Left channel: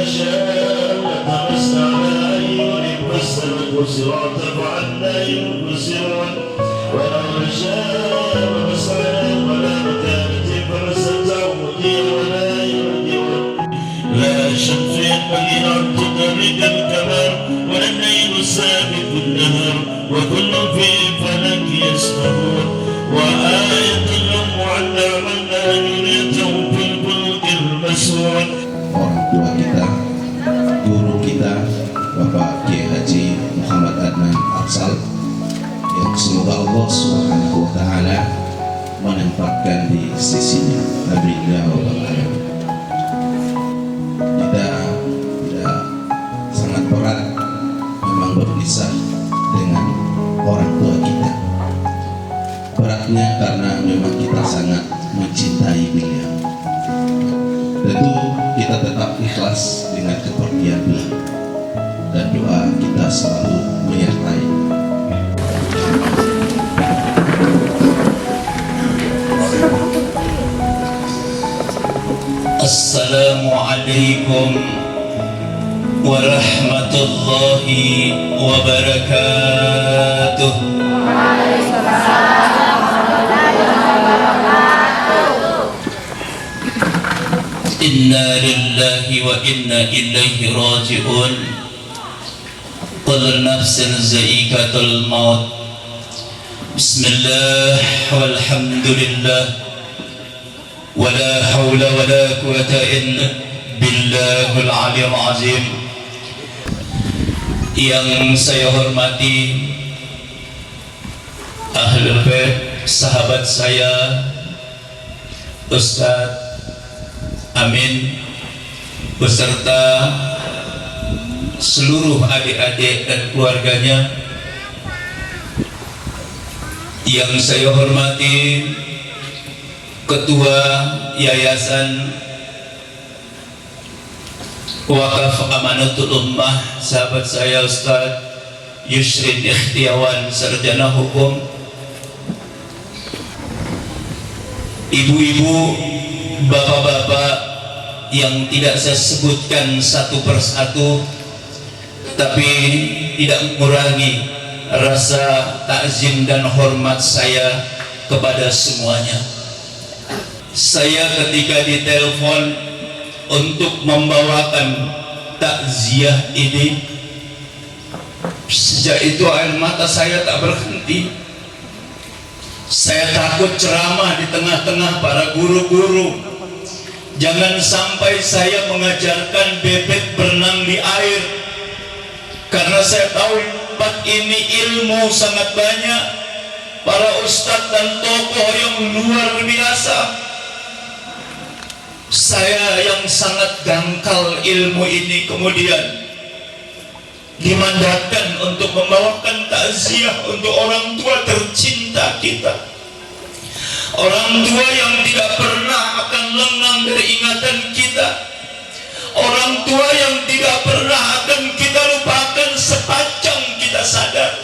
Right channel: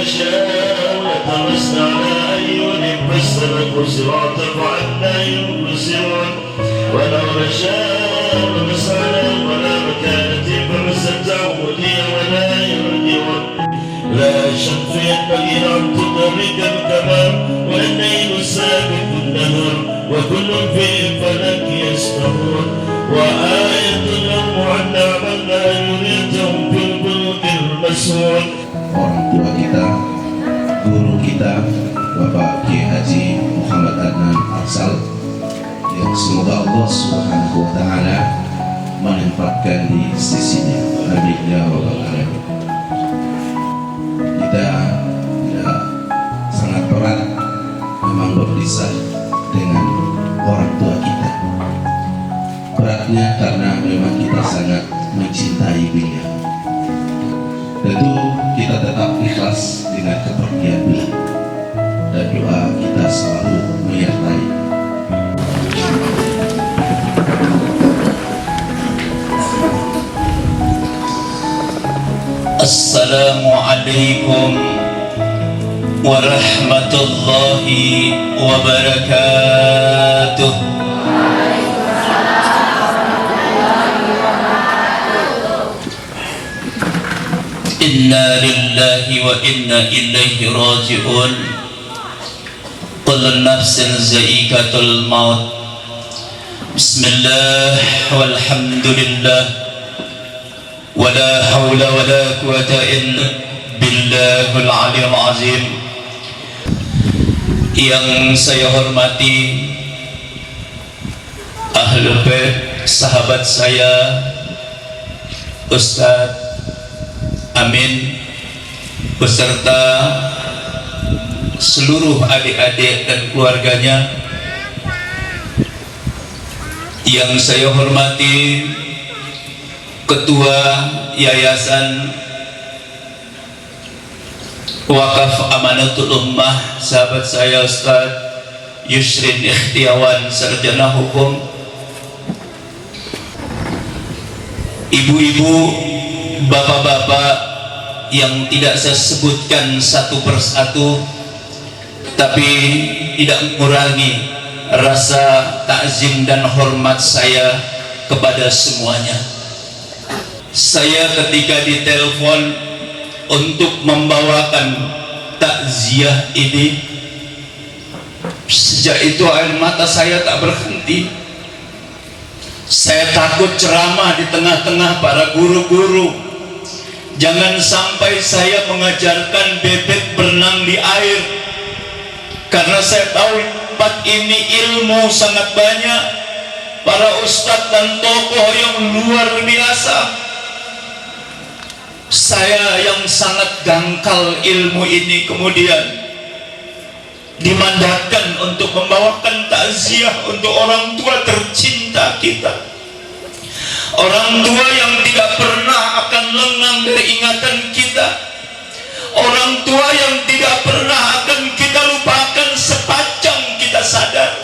نشاء لطمسنا على أعينهم فاستبقوا الصراط فعنا يبصرون ولو نشاء لمسنا ولا مكانة فمستمتعوا مدير ولا يرجعون لا الشمس ينبغي أن تدرك الكمال والليل السابق النهار وكل في فلك يسبحون وآية لهم أنا عملنا يريدهم في البلد المسور. Orang tua kita, guru kita, Bapak Kiai Haji Muhammad Adnan Arsal, yang semoga Allah Subhanahu wa Ta'ala menempatkan di sisinya. Amin ya rabbal alamin. Kita sangat berat memang berpisah dengan orang tua kita. Beratnya karena memang kita sangat mencintai beliau. Tentu kita tetap ikhlas dengan kepergian beliau dan doa kita selalu menyertai. Assalamualaikum warahmatullahi wabarakatuh. Inna lillahi wa inna ilaihi raji'un. Kullu nafsin za'iqatul maut. Bismillah walhamdulillah wala hawla wala quwata illa billahil aliyyil azim. Yang saya hormati Ahlul Bait, sahabat saya Ustaz Amin beserta seluruh adik-adik dan keluarganya. Yang saya hormati Ketua Yayasan Wakaf Amanatul Ummah, sahabat saya Ustaz Yusrin Ikhtiawan, sarjana hukum. Ibu-ibu, bapak-bapak yang tidak saya sebutkan satu persatu, tapi tidak mengurangi rasa takzim dan hormat saya kepada semuanya. Saya ketika ditelepon untuk membawakan takziah ini, sejak itu air mata saya tak berhenti. Saya takut ceramah di tengah-tengah para guru-guru. Jangan sampai saya mengajarkan bebek berenang di air, karena saya tahu tempat ini ilmu sangat banyak, para ustadz dan tokoh yang luar biasa. Saya yang sangat dangkal ilmu ini kemudian dimandatkan untuk membawakan takziah untuk orang tua tercinta kita, orang tua yang tidak pernah akan lengang dari ingatan kita, orang tua yang tidak pernah akan kita lupakan sepanjang kita sadar.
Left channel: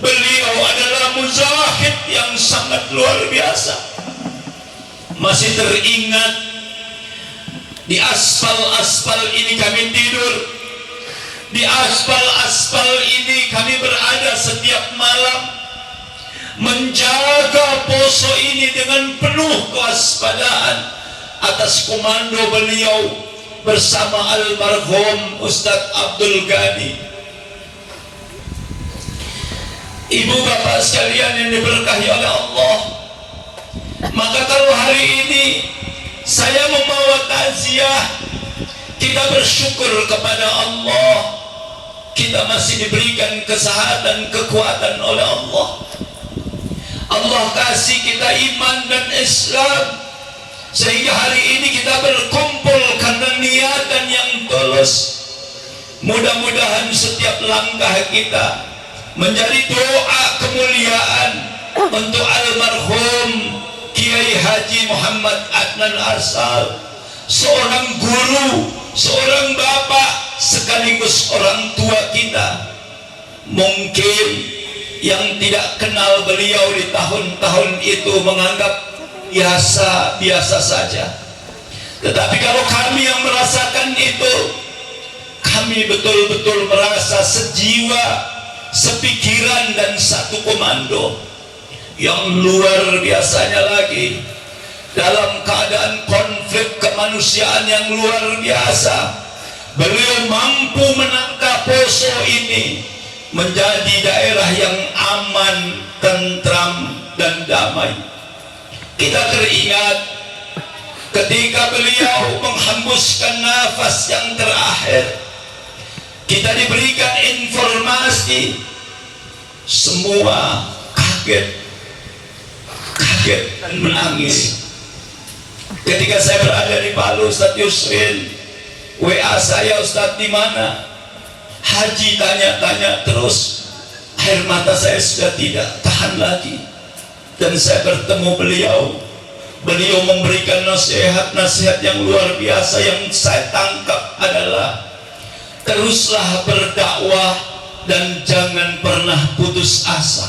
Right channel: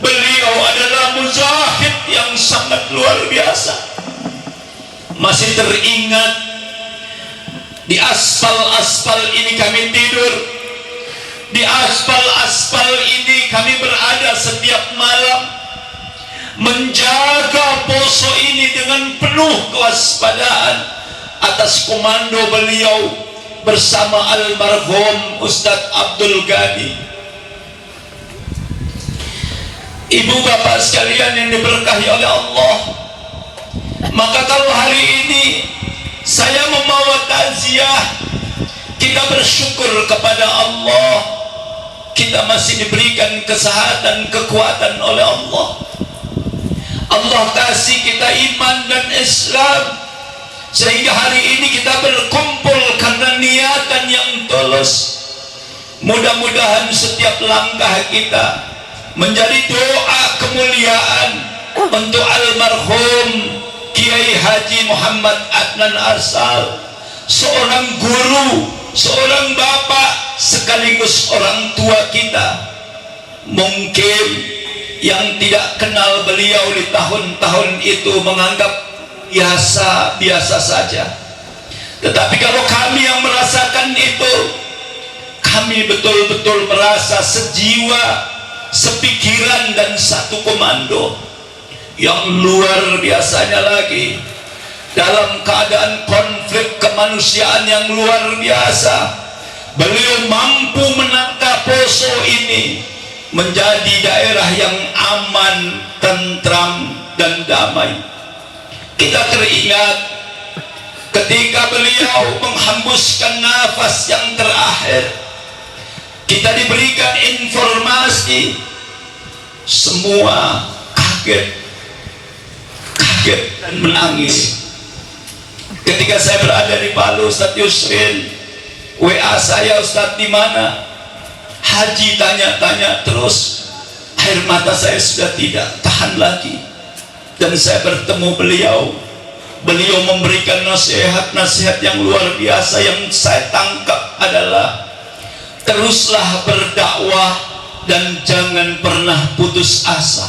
Beliau adalah mujahid yang sangat luar biasa. Masih teringat di aspal-aspal ini kami tidur, di aspal-aspal ini kami berada setiap malam, menjaga poso ini dengan penuh kewaspadaan atas komando beliau bersama almarhum Ustadz Abdul Ghani. Ibu bapak sekalian yang diberkahi oleh Allah, maka kalau hari ini saya membawa takziah, kita bersyukur kepada Allah, kita masih diberikan kesehatan, kekuatan oleh Allah. Allah kasih kita iman dan Islam, sehingga hari ini kita berkumpul karena niatan yang tulus. Mudah-mudahan setiap langkah kita menjadi doa kemuliaan untuk almarhum Kiai Haji Muhammad Adnan Arsal, seorang guru, seorang bapak, sekaligus orang tua kita. Mungkin yang tidak kenal beliau di tahun-tahun itu menganggap biasa-biasa saja, tetapi kalau kami yang merasakan itu, kami betul-betul merasa sejiwa, sepikiran, dan satu komando. Yang luar biasanya lagi, dalam keadaan konflik kemanusiaan yang luar biasa, beliau mampu menangkap Poso ini menjadi daerah yang aman, tentram, dan damai. Kita teringat ketika beliau menghembuskan nafas yang terakhir, kita diberikan informasi, semua kaget dan menangis. Ketika saya berada di Palu, Ustaz Yusrin WA saya, Ustaz di mana? Haji tanya-tanya terus. Air mata saya sudah tidak tahan lagi. Dan saya bertemu beliau. Beliau memberikan nasihat-nasihat yang luar biasa. Yang saya tangkap adalah, teruslah berdakwah dan jangan pernah putus asa.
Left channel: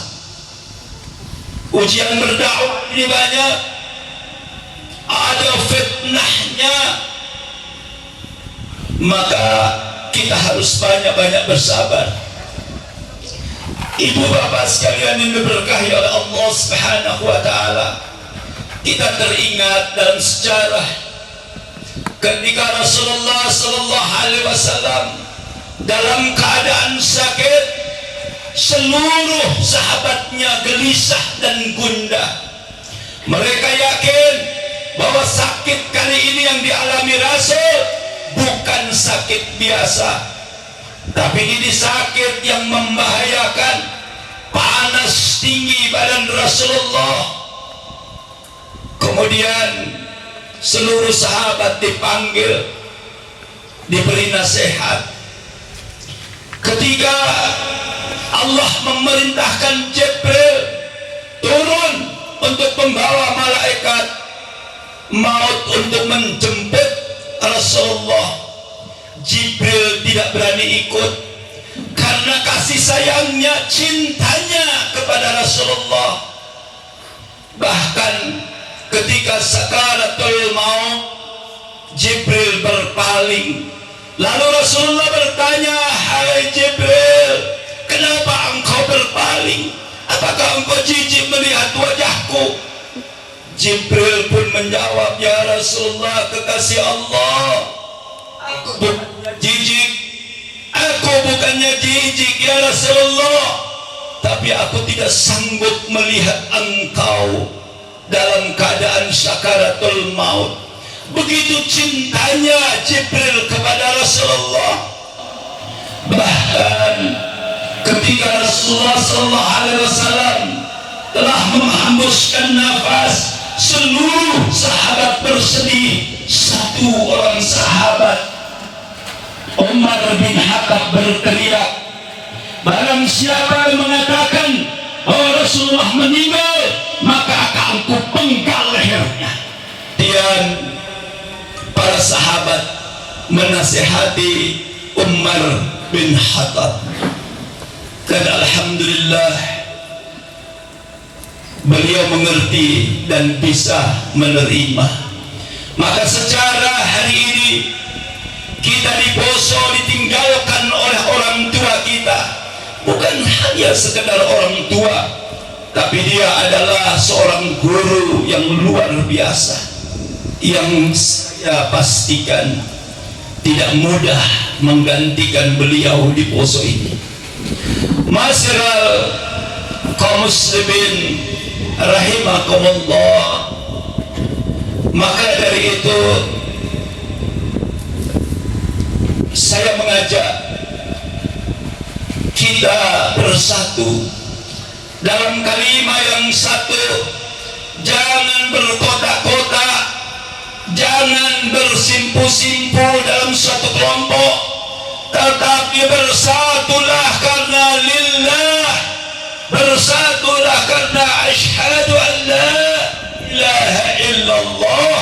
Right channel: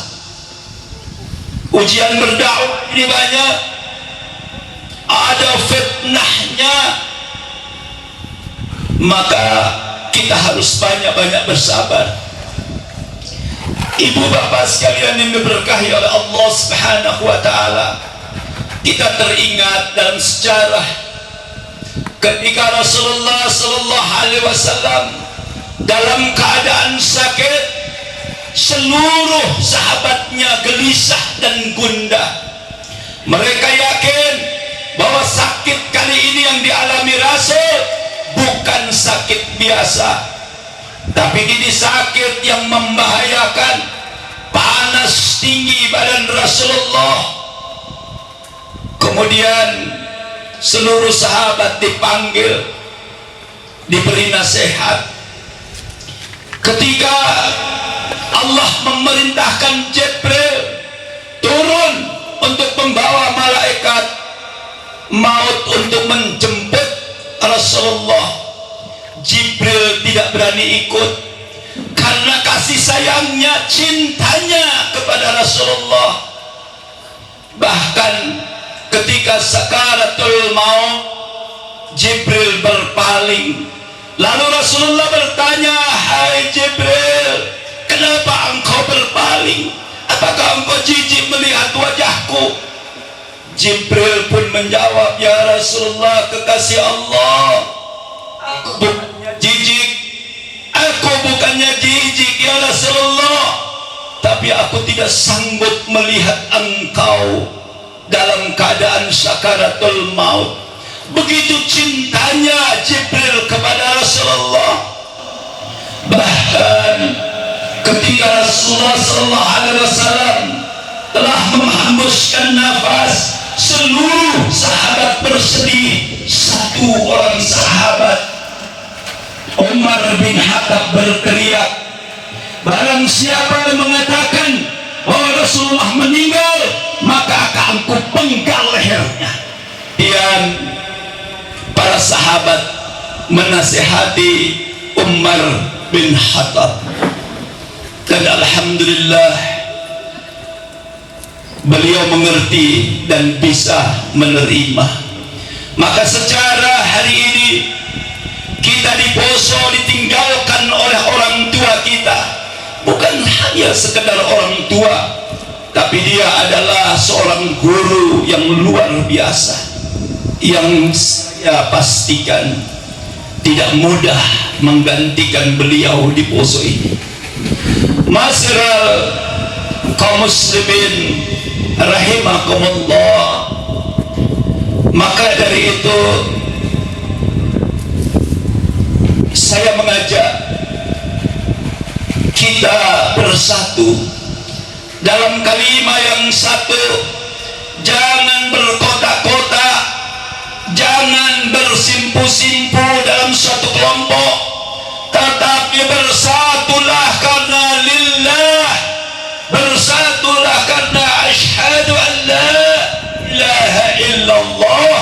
Ujian berdakwah ini banyak, ada fitnahnya, maka kita harus banyak-banyak bersabar. Ibu bapak sekalian yang diberkahi oleh Allah Subhanahu wa ta'ala, kita teringat dalam sejarah ketika Rasulullah sallallahu alaihi wasallam dalam keadaan sakit, seluruh sahabatnya gelisah dan gundah. Mereka yakin bahwa sakit kali ini yang dialami Rasul bukan sakit biasa, tapi ini sakit yang membahayakan. Panas tinggi badan Rasulullah. Kemudian seluruh sahabat dipanggil, diberi nasihat. Ketika Allah memerintahkan Jibril turun untuk membawa malaikat maut untuk menjemput Rasulullah, Jibril tidak berani ikut karena kasih sayangnya, cintanya kepada Rasulullah. Bahkan ketika sakaratul maut, Jibril berpaling. Lalu Rasulullah bertanya, "Hai Jibril, kenapa engkau berpaling? Apakah engkau jijik melihat wajahku?" Jibril pun menjawab, "Ya Rasulullah, kekasih Allah, aku bukannya jijik. Aku bukannya jijik ya Rasulullah, tapi aku tidak sanggup melihat engkau dalam keadaan sakaratul maut." Begitu cintanya Jibril kepada Rasulullah. Bahkan ketika Rasulullah SAW telah menghembuskan nafas, seluruh sahabat bersedih. Satu orang sahabat, Umar bin Khattab, berteriak, "Barang siapa yang mengatakan bahwa Rasulullah meninggal, maka akan aku penggal lehernya." Dan para sahabat menasihati Umar bin Khattab, dan alhamdulillah beliau mengerti dan bisa menerima. Maka secara hari ini kita di Poso ditinggalkan oleh orang tua kita. Bukan hanya sekedar orang tua, tapi dia adalah seorang guru yang luar biasa, yang saya pastikan tidak mudah menggantikan beliau di Poso ini. Masyarakat kaum muslimin rahimakumullah. Maka dari itu saya mengajak kita bersatu dalam kalimat yang satu. Jangan berkotak-kotak, jangan bersimpu-simpu dalam suatu kelompok, tetapi bersatulah karena lillah, bersatulah karena asyhadu an la ilaha illallah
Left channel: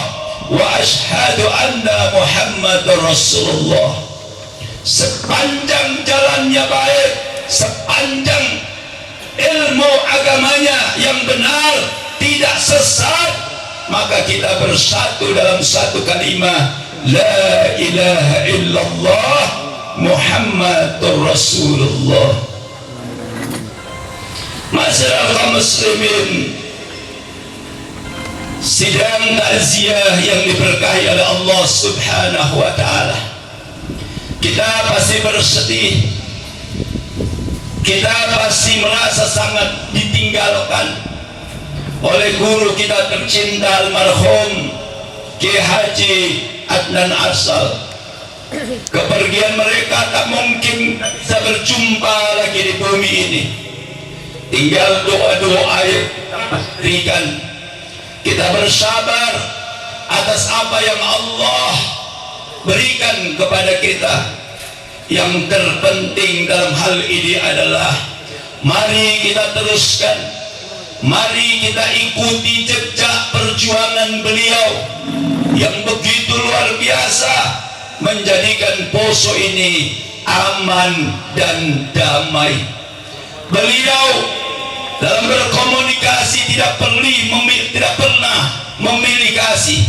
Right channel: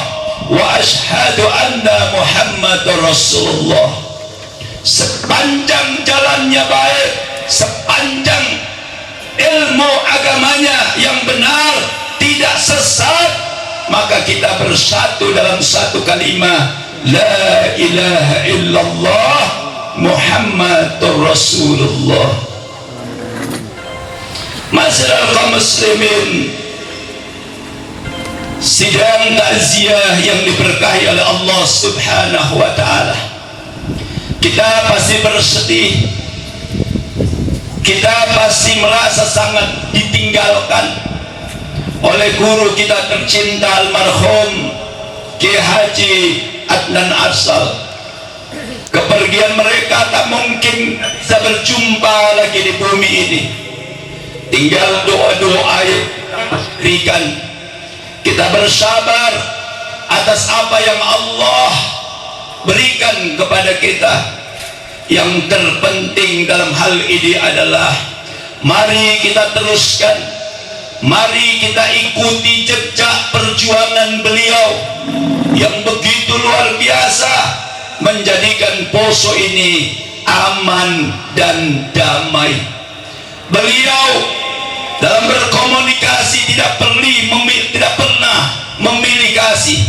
wa asyhadu anna Muhammadar Rasulullah. Sepanjang jalannya baik, sepanjang ilmu agamanya yang benar, tidak sesat, maka kita bersatu dalam satu kalimat la ilaha illallah Muhammadur Rasulullah. Masyarakat muslimin, sidang takziah yang diberkahi oleh Allah Subhanahu wa taala. Kita pasti bersedih, kita pasti merasa sangat ditinggalkan oleh guru kita tercinta almarhum Kiai Haji Adnan Arsal. Kepergian mereka tak mungkin bisa berjumpa lagi di bumi ini. Tinggal doa-doa yang kita berikan. Kita bersabar atas apa yang Allah berikan kepada kita. Yang terpenting dalam hal ini adalah mari kita teruskan, mari kita ikuti jejak perjuangan beliau yang begitu luar biasa, menjadikan Poso ini aman dan damai. Beliau dalam berkomunikasi tidak pernah memilih kasih,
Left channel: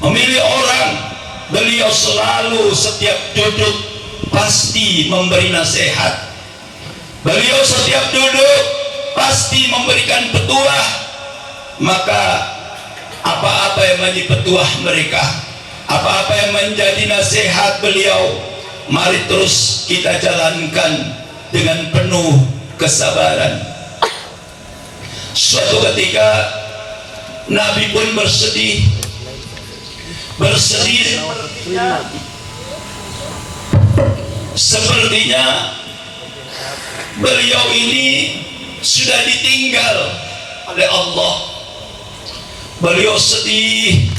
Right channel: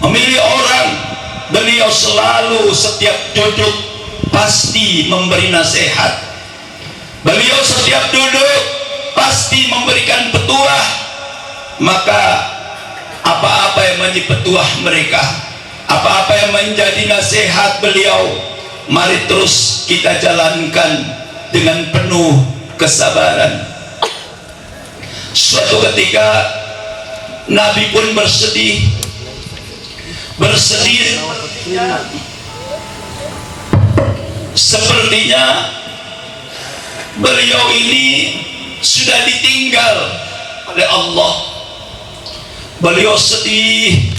memilih orang. Beliau selalu setiap duduk pasti memberi nasihat. Beliau setiap duduk pasti memberikan petuah. Maka apa-apa yang menjadi petuah mereka, apa-apa yang menjadi nasihat beliau, mari terus kita jalankan dengan penuh kesabaran. Suatu ketika Nabi pun bersedih sepertinya beliau ini sudah ditinggal oleh Allah. Beliau sedih,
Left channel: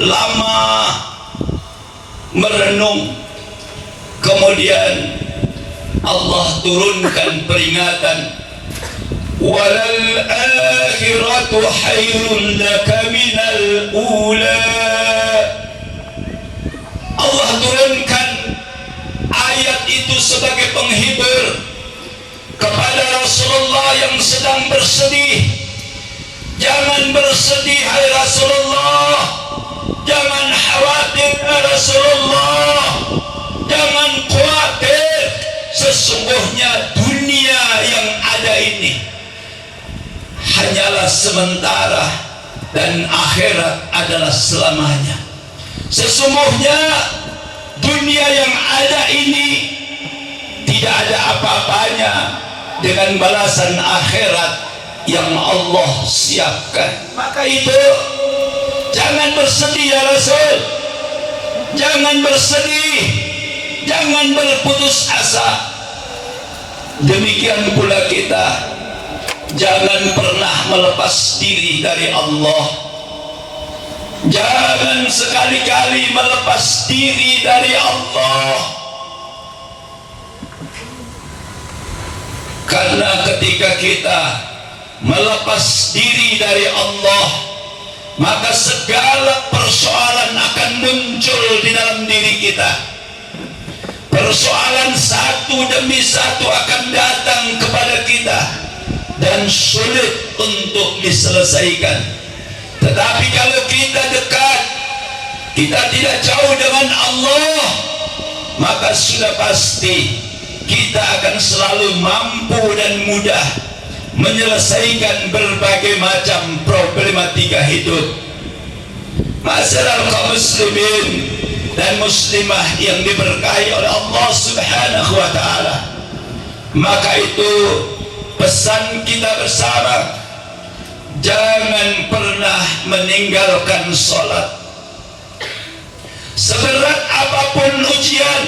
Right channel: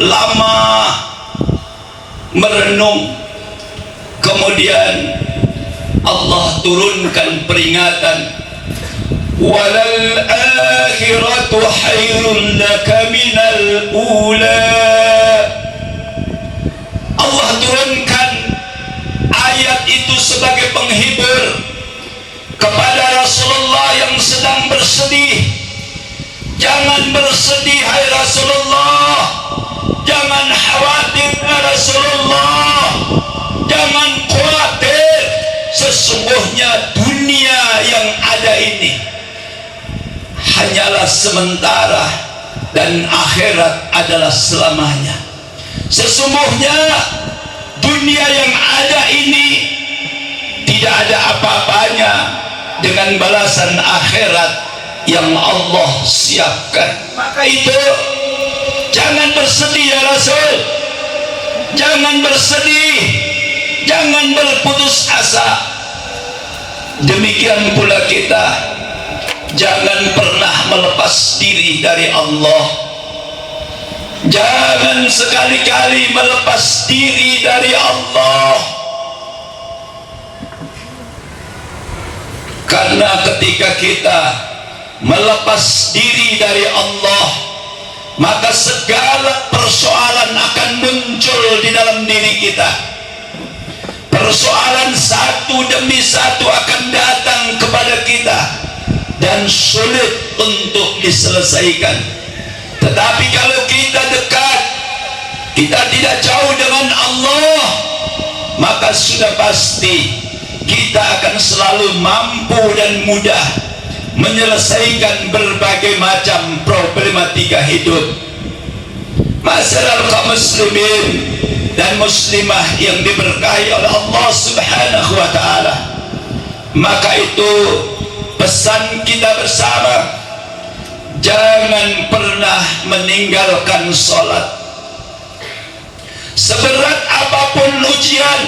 lama merenung, kemudian Allah turunkan peringatan, walal akhiratu khairun laka minal ula. Allah turunkan ayat itu sebagai penghibur kepada Rasulullah yang sedang bersedih. Jangan bersedih hai Rasulullah, jangan khawatir hai Rasulullah, jangan khawatir. Sesungguhnya dunia yang ada ini hanyalah sementara dan akhirat adalah selamanya. Sesungguhnya dunia yang ada ini tidak ada apa-apanya dengan balasan akhirat yang Allah siapkan. Maka itu jangan bersedih ya Rasul, jangan bersedih, jangan berputus asa. Demikian pula kita jangan pernah melepas diri dari Allah. Jangan sekali-kali melepas diri dari Allah. Karena ketika kita melepas diri dari Allah, maka segala persoalan akan muncul di dalam diri kita. Persoalan satu demi satu akan datang kepada kita dan sulit untuk diselesaikan. Tetapi kalau kita dekat, kita tidak jauh dengan Allah, maka sudah pasti kita akan selalu mampu dan mudah menyelesaikan berbagai macam problematika hidup. Masyarakat muslimin dan muslimah yang diberkahi oleh Allah Subhanahu wa taala, maka itu pesan kita bersama, jangan pernah meninggalkan sholat. Seberat apapun ujian,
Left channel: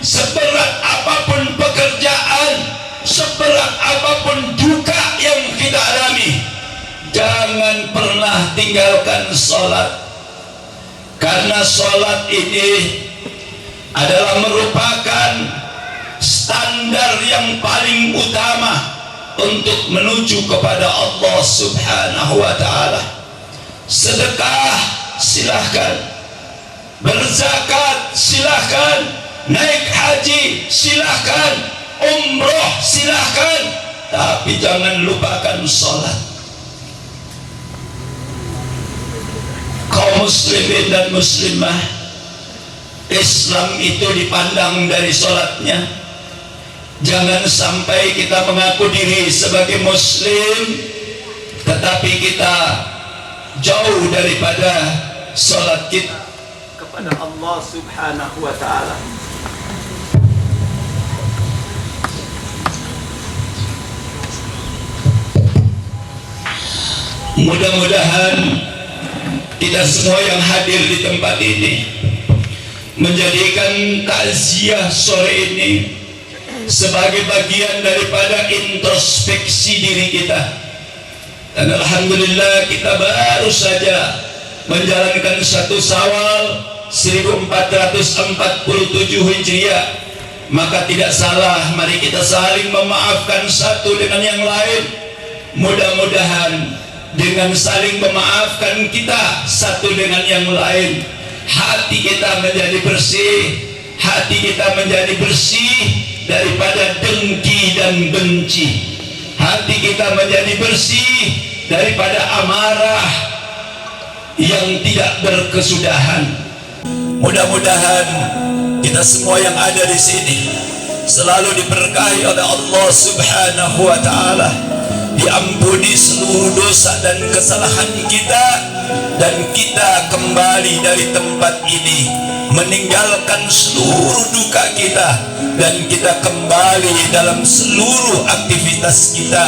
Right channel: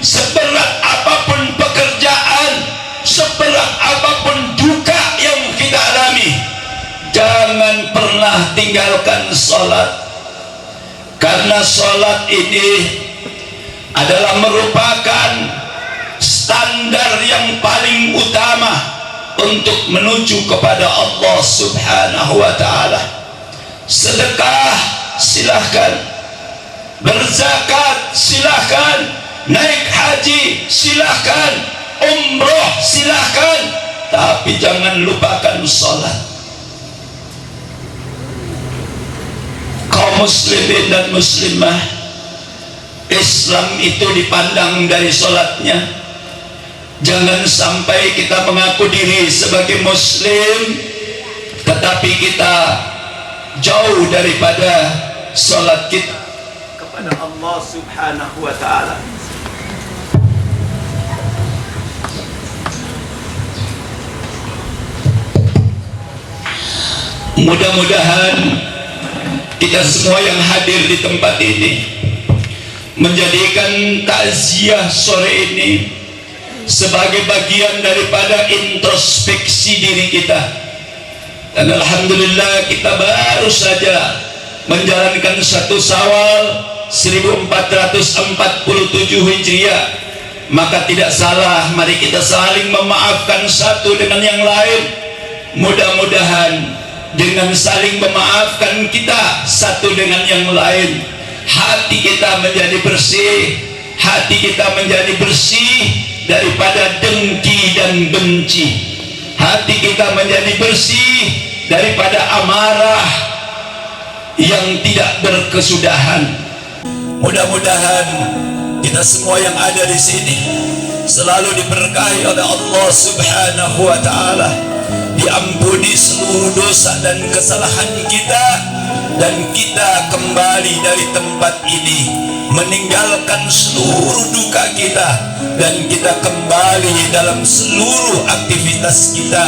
seberat apapun pekerjaan, seberat apapun duka yang kita alami, jangan pernah tinggalkan sholat. Karena sholat ini adalah merupakan standar yang paling utama untuk menuju kepada Allah Subhanahu wa ta'ala. Sedekah silahkan, berzakat silahkan, naik haji silahkan, umroh silahkan, tapi jangan lupakan sholat. Kaum muslimin dan muslimah, Islam itu dipandang dari sholatnya. Jangan sampai kita mengaku diri sebagai muslim tetapi kita jauh daripada sholat kita kepada Allah subhanahu wa ta'ala. Mudah-mudahan kita semua yang hadir di tempat ini menjadikan takziah sore ini sebagai bagian daripada introspeksi diri kita. Dan alhamdulillah kita baru saja menjalankan 1 Syawal 1447 Hijriah. Maka tidak salah mari kita saling memaafkan satu dengan yang lain. Mudah-mudahan dengan saling memaafkan kita satu dengan yang lain, hati kita menjadi bersih, hati kita menjadi bersih daripada dengki dan benci, hati kita menjadi bersih daripada amarah yang tidak berkesudahan. Mudah-mudahan kita semua yang ada di sini selalu diberkahi oleh Allah subhanahu wa ta'ala, diampuni seluruh dosa dan kesalahan kita, dan kita kembali dari tempat ini meninggalkan seluruh duka kita, dan kita kembali dalam seluruh aktivitas kita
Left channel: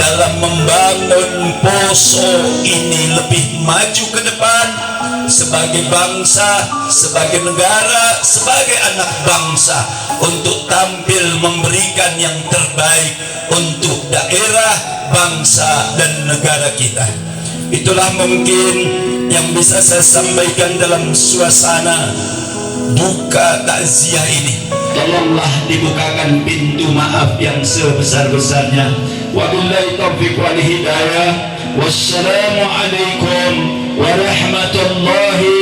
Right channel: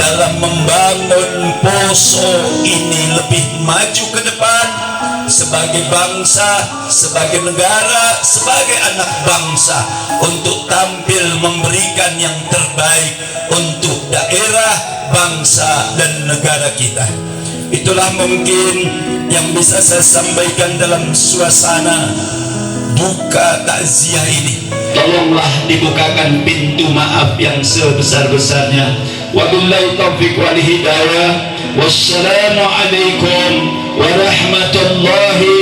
dalam membangun Poso ini lebih maju ke depan sebagai bangsa, sebagai negara, sebagai anak bangsa, untuk tampil memberikan yang terbaik untuk daerah, bangsa dan negara kita. Itulah mungkin yang bisa saya sampaikan dalam suasana duka takziah ini. Tolonglah dibukakan pintu maaf yang sebesar-besarnya. Wabillahi taufiq wal hidayah. Wassalamualaikum warahmatullahi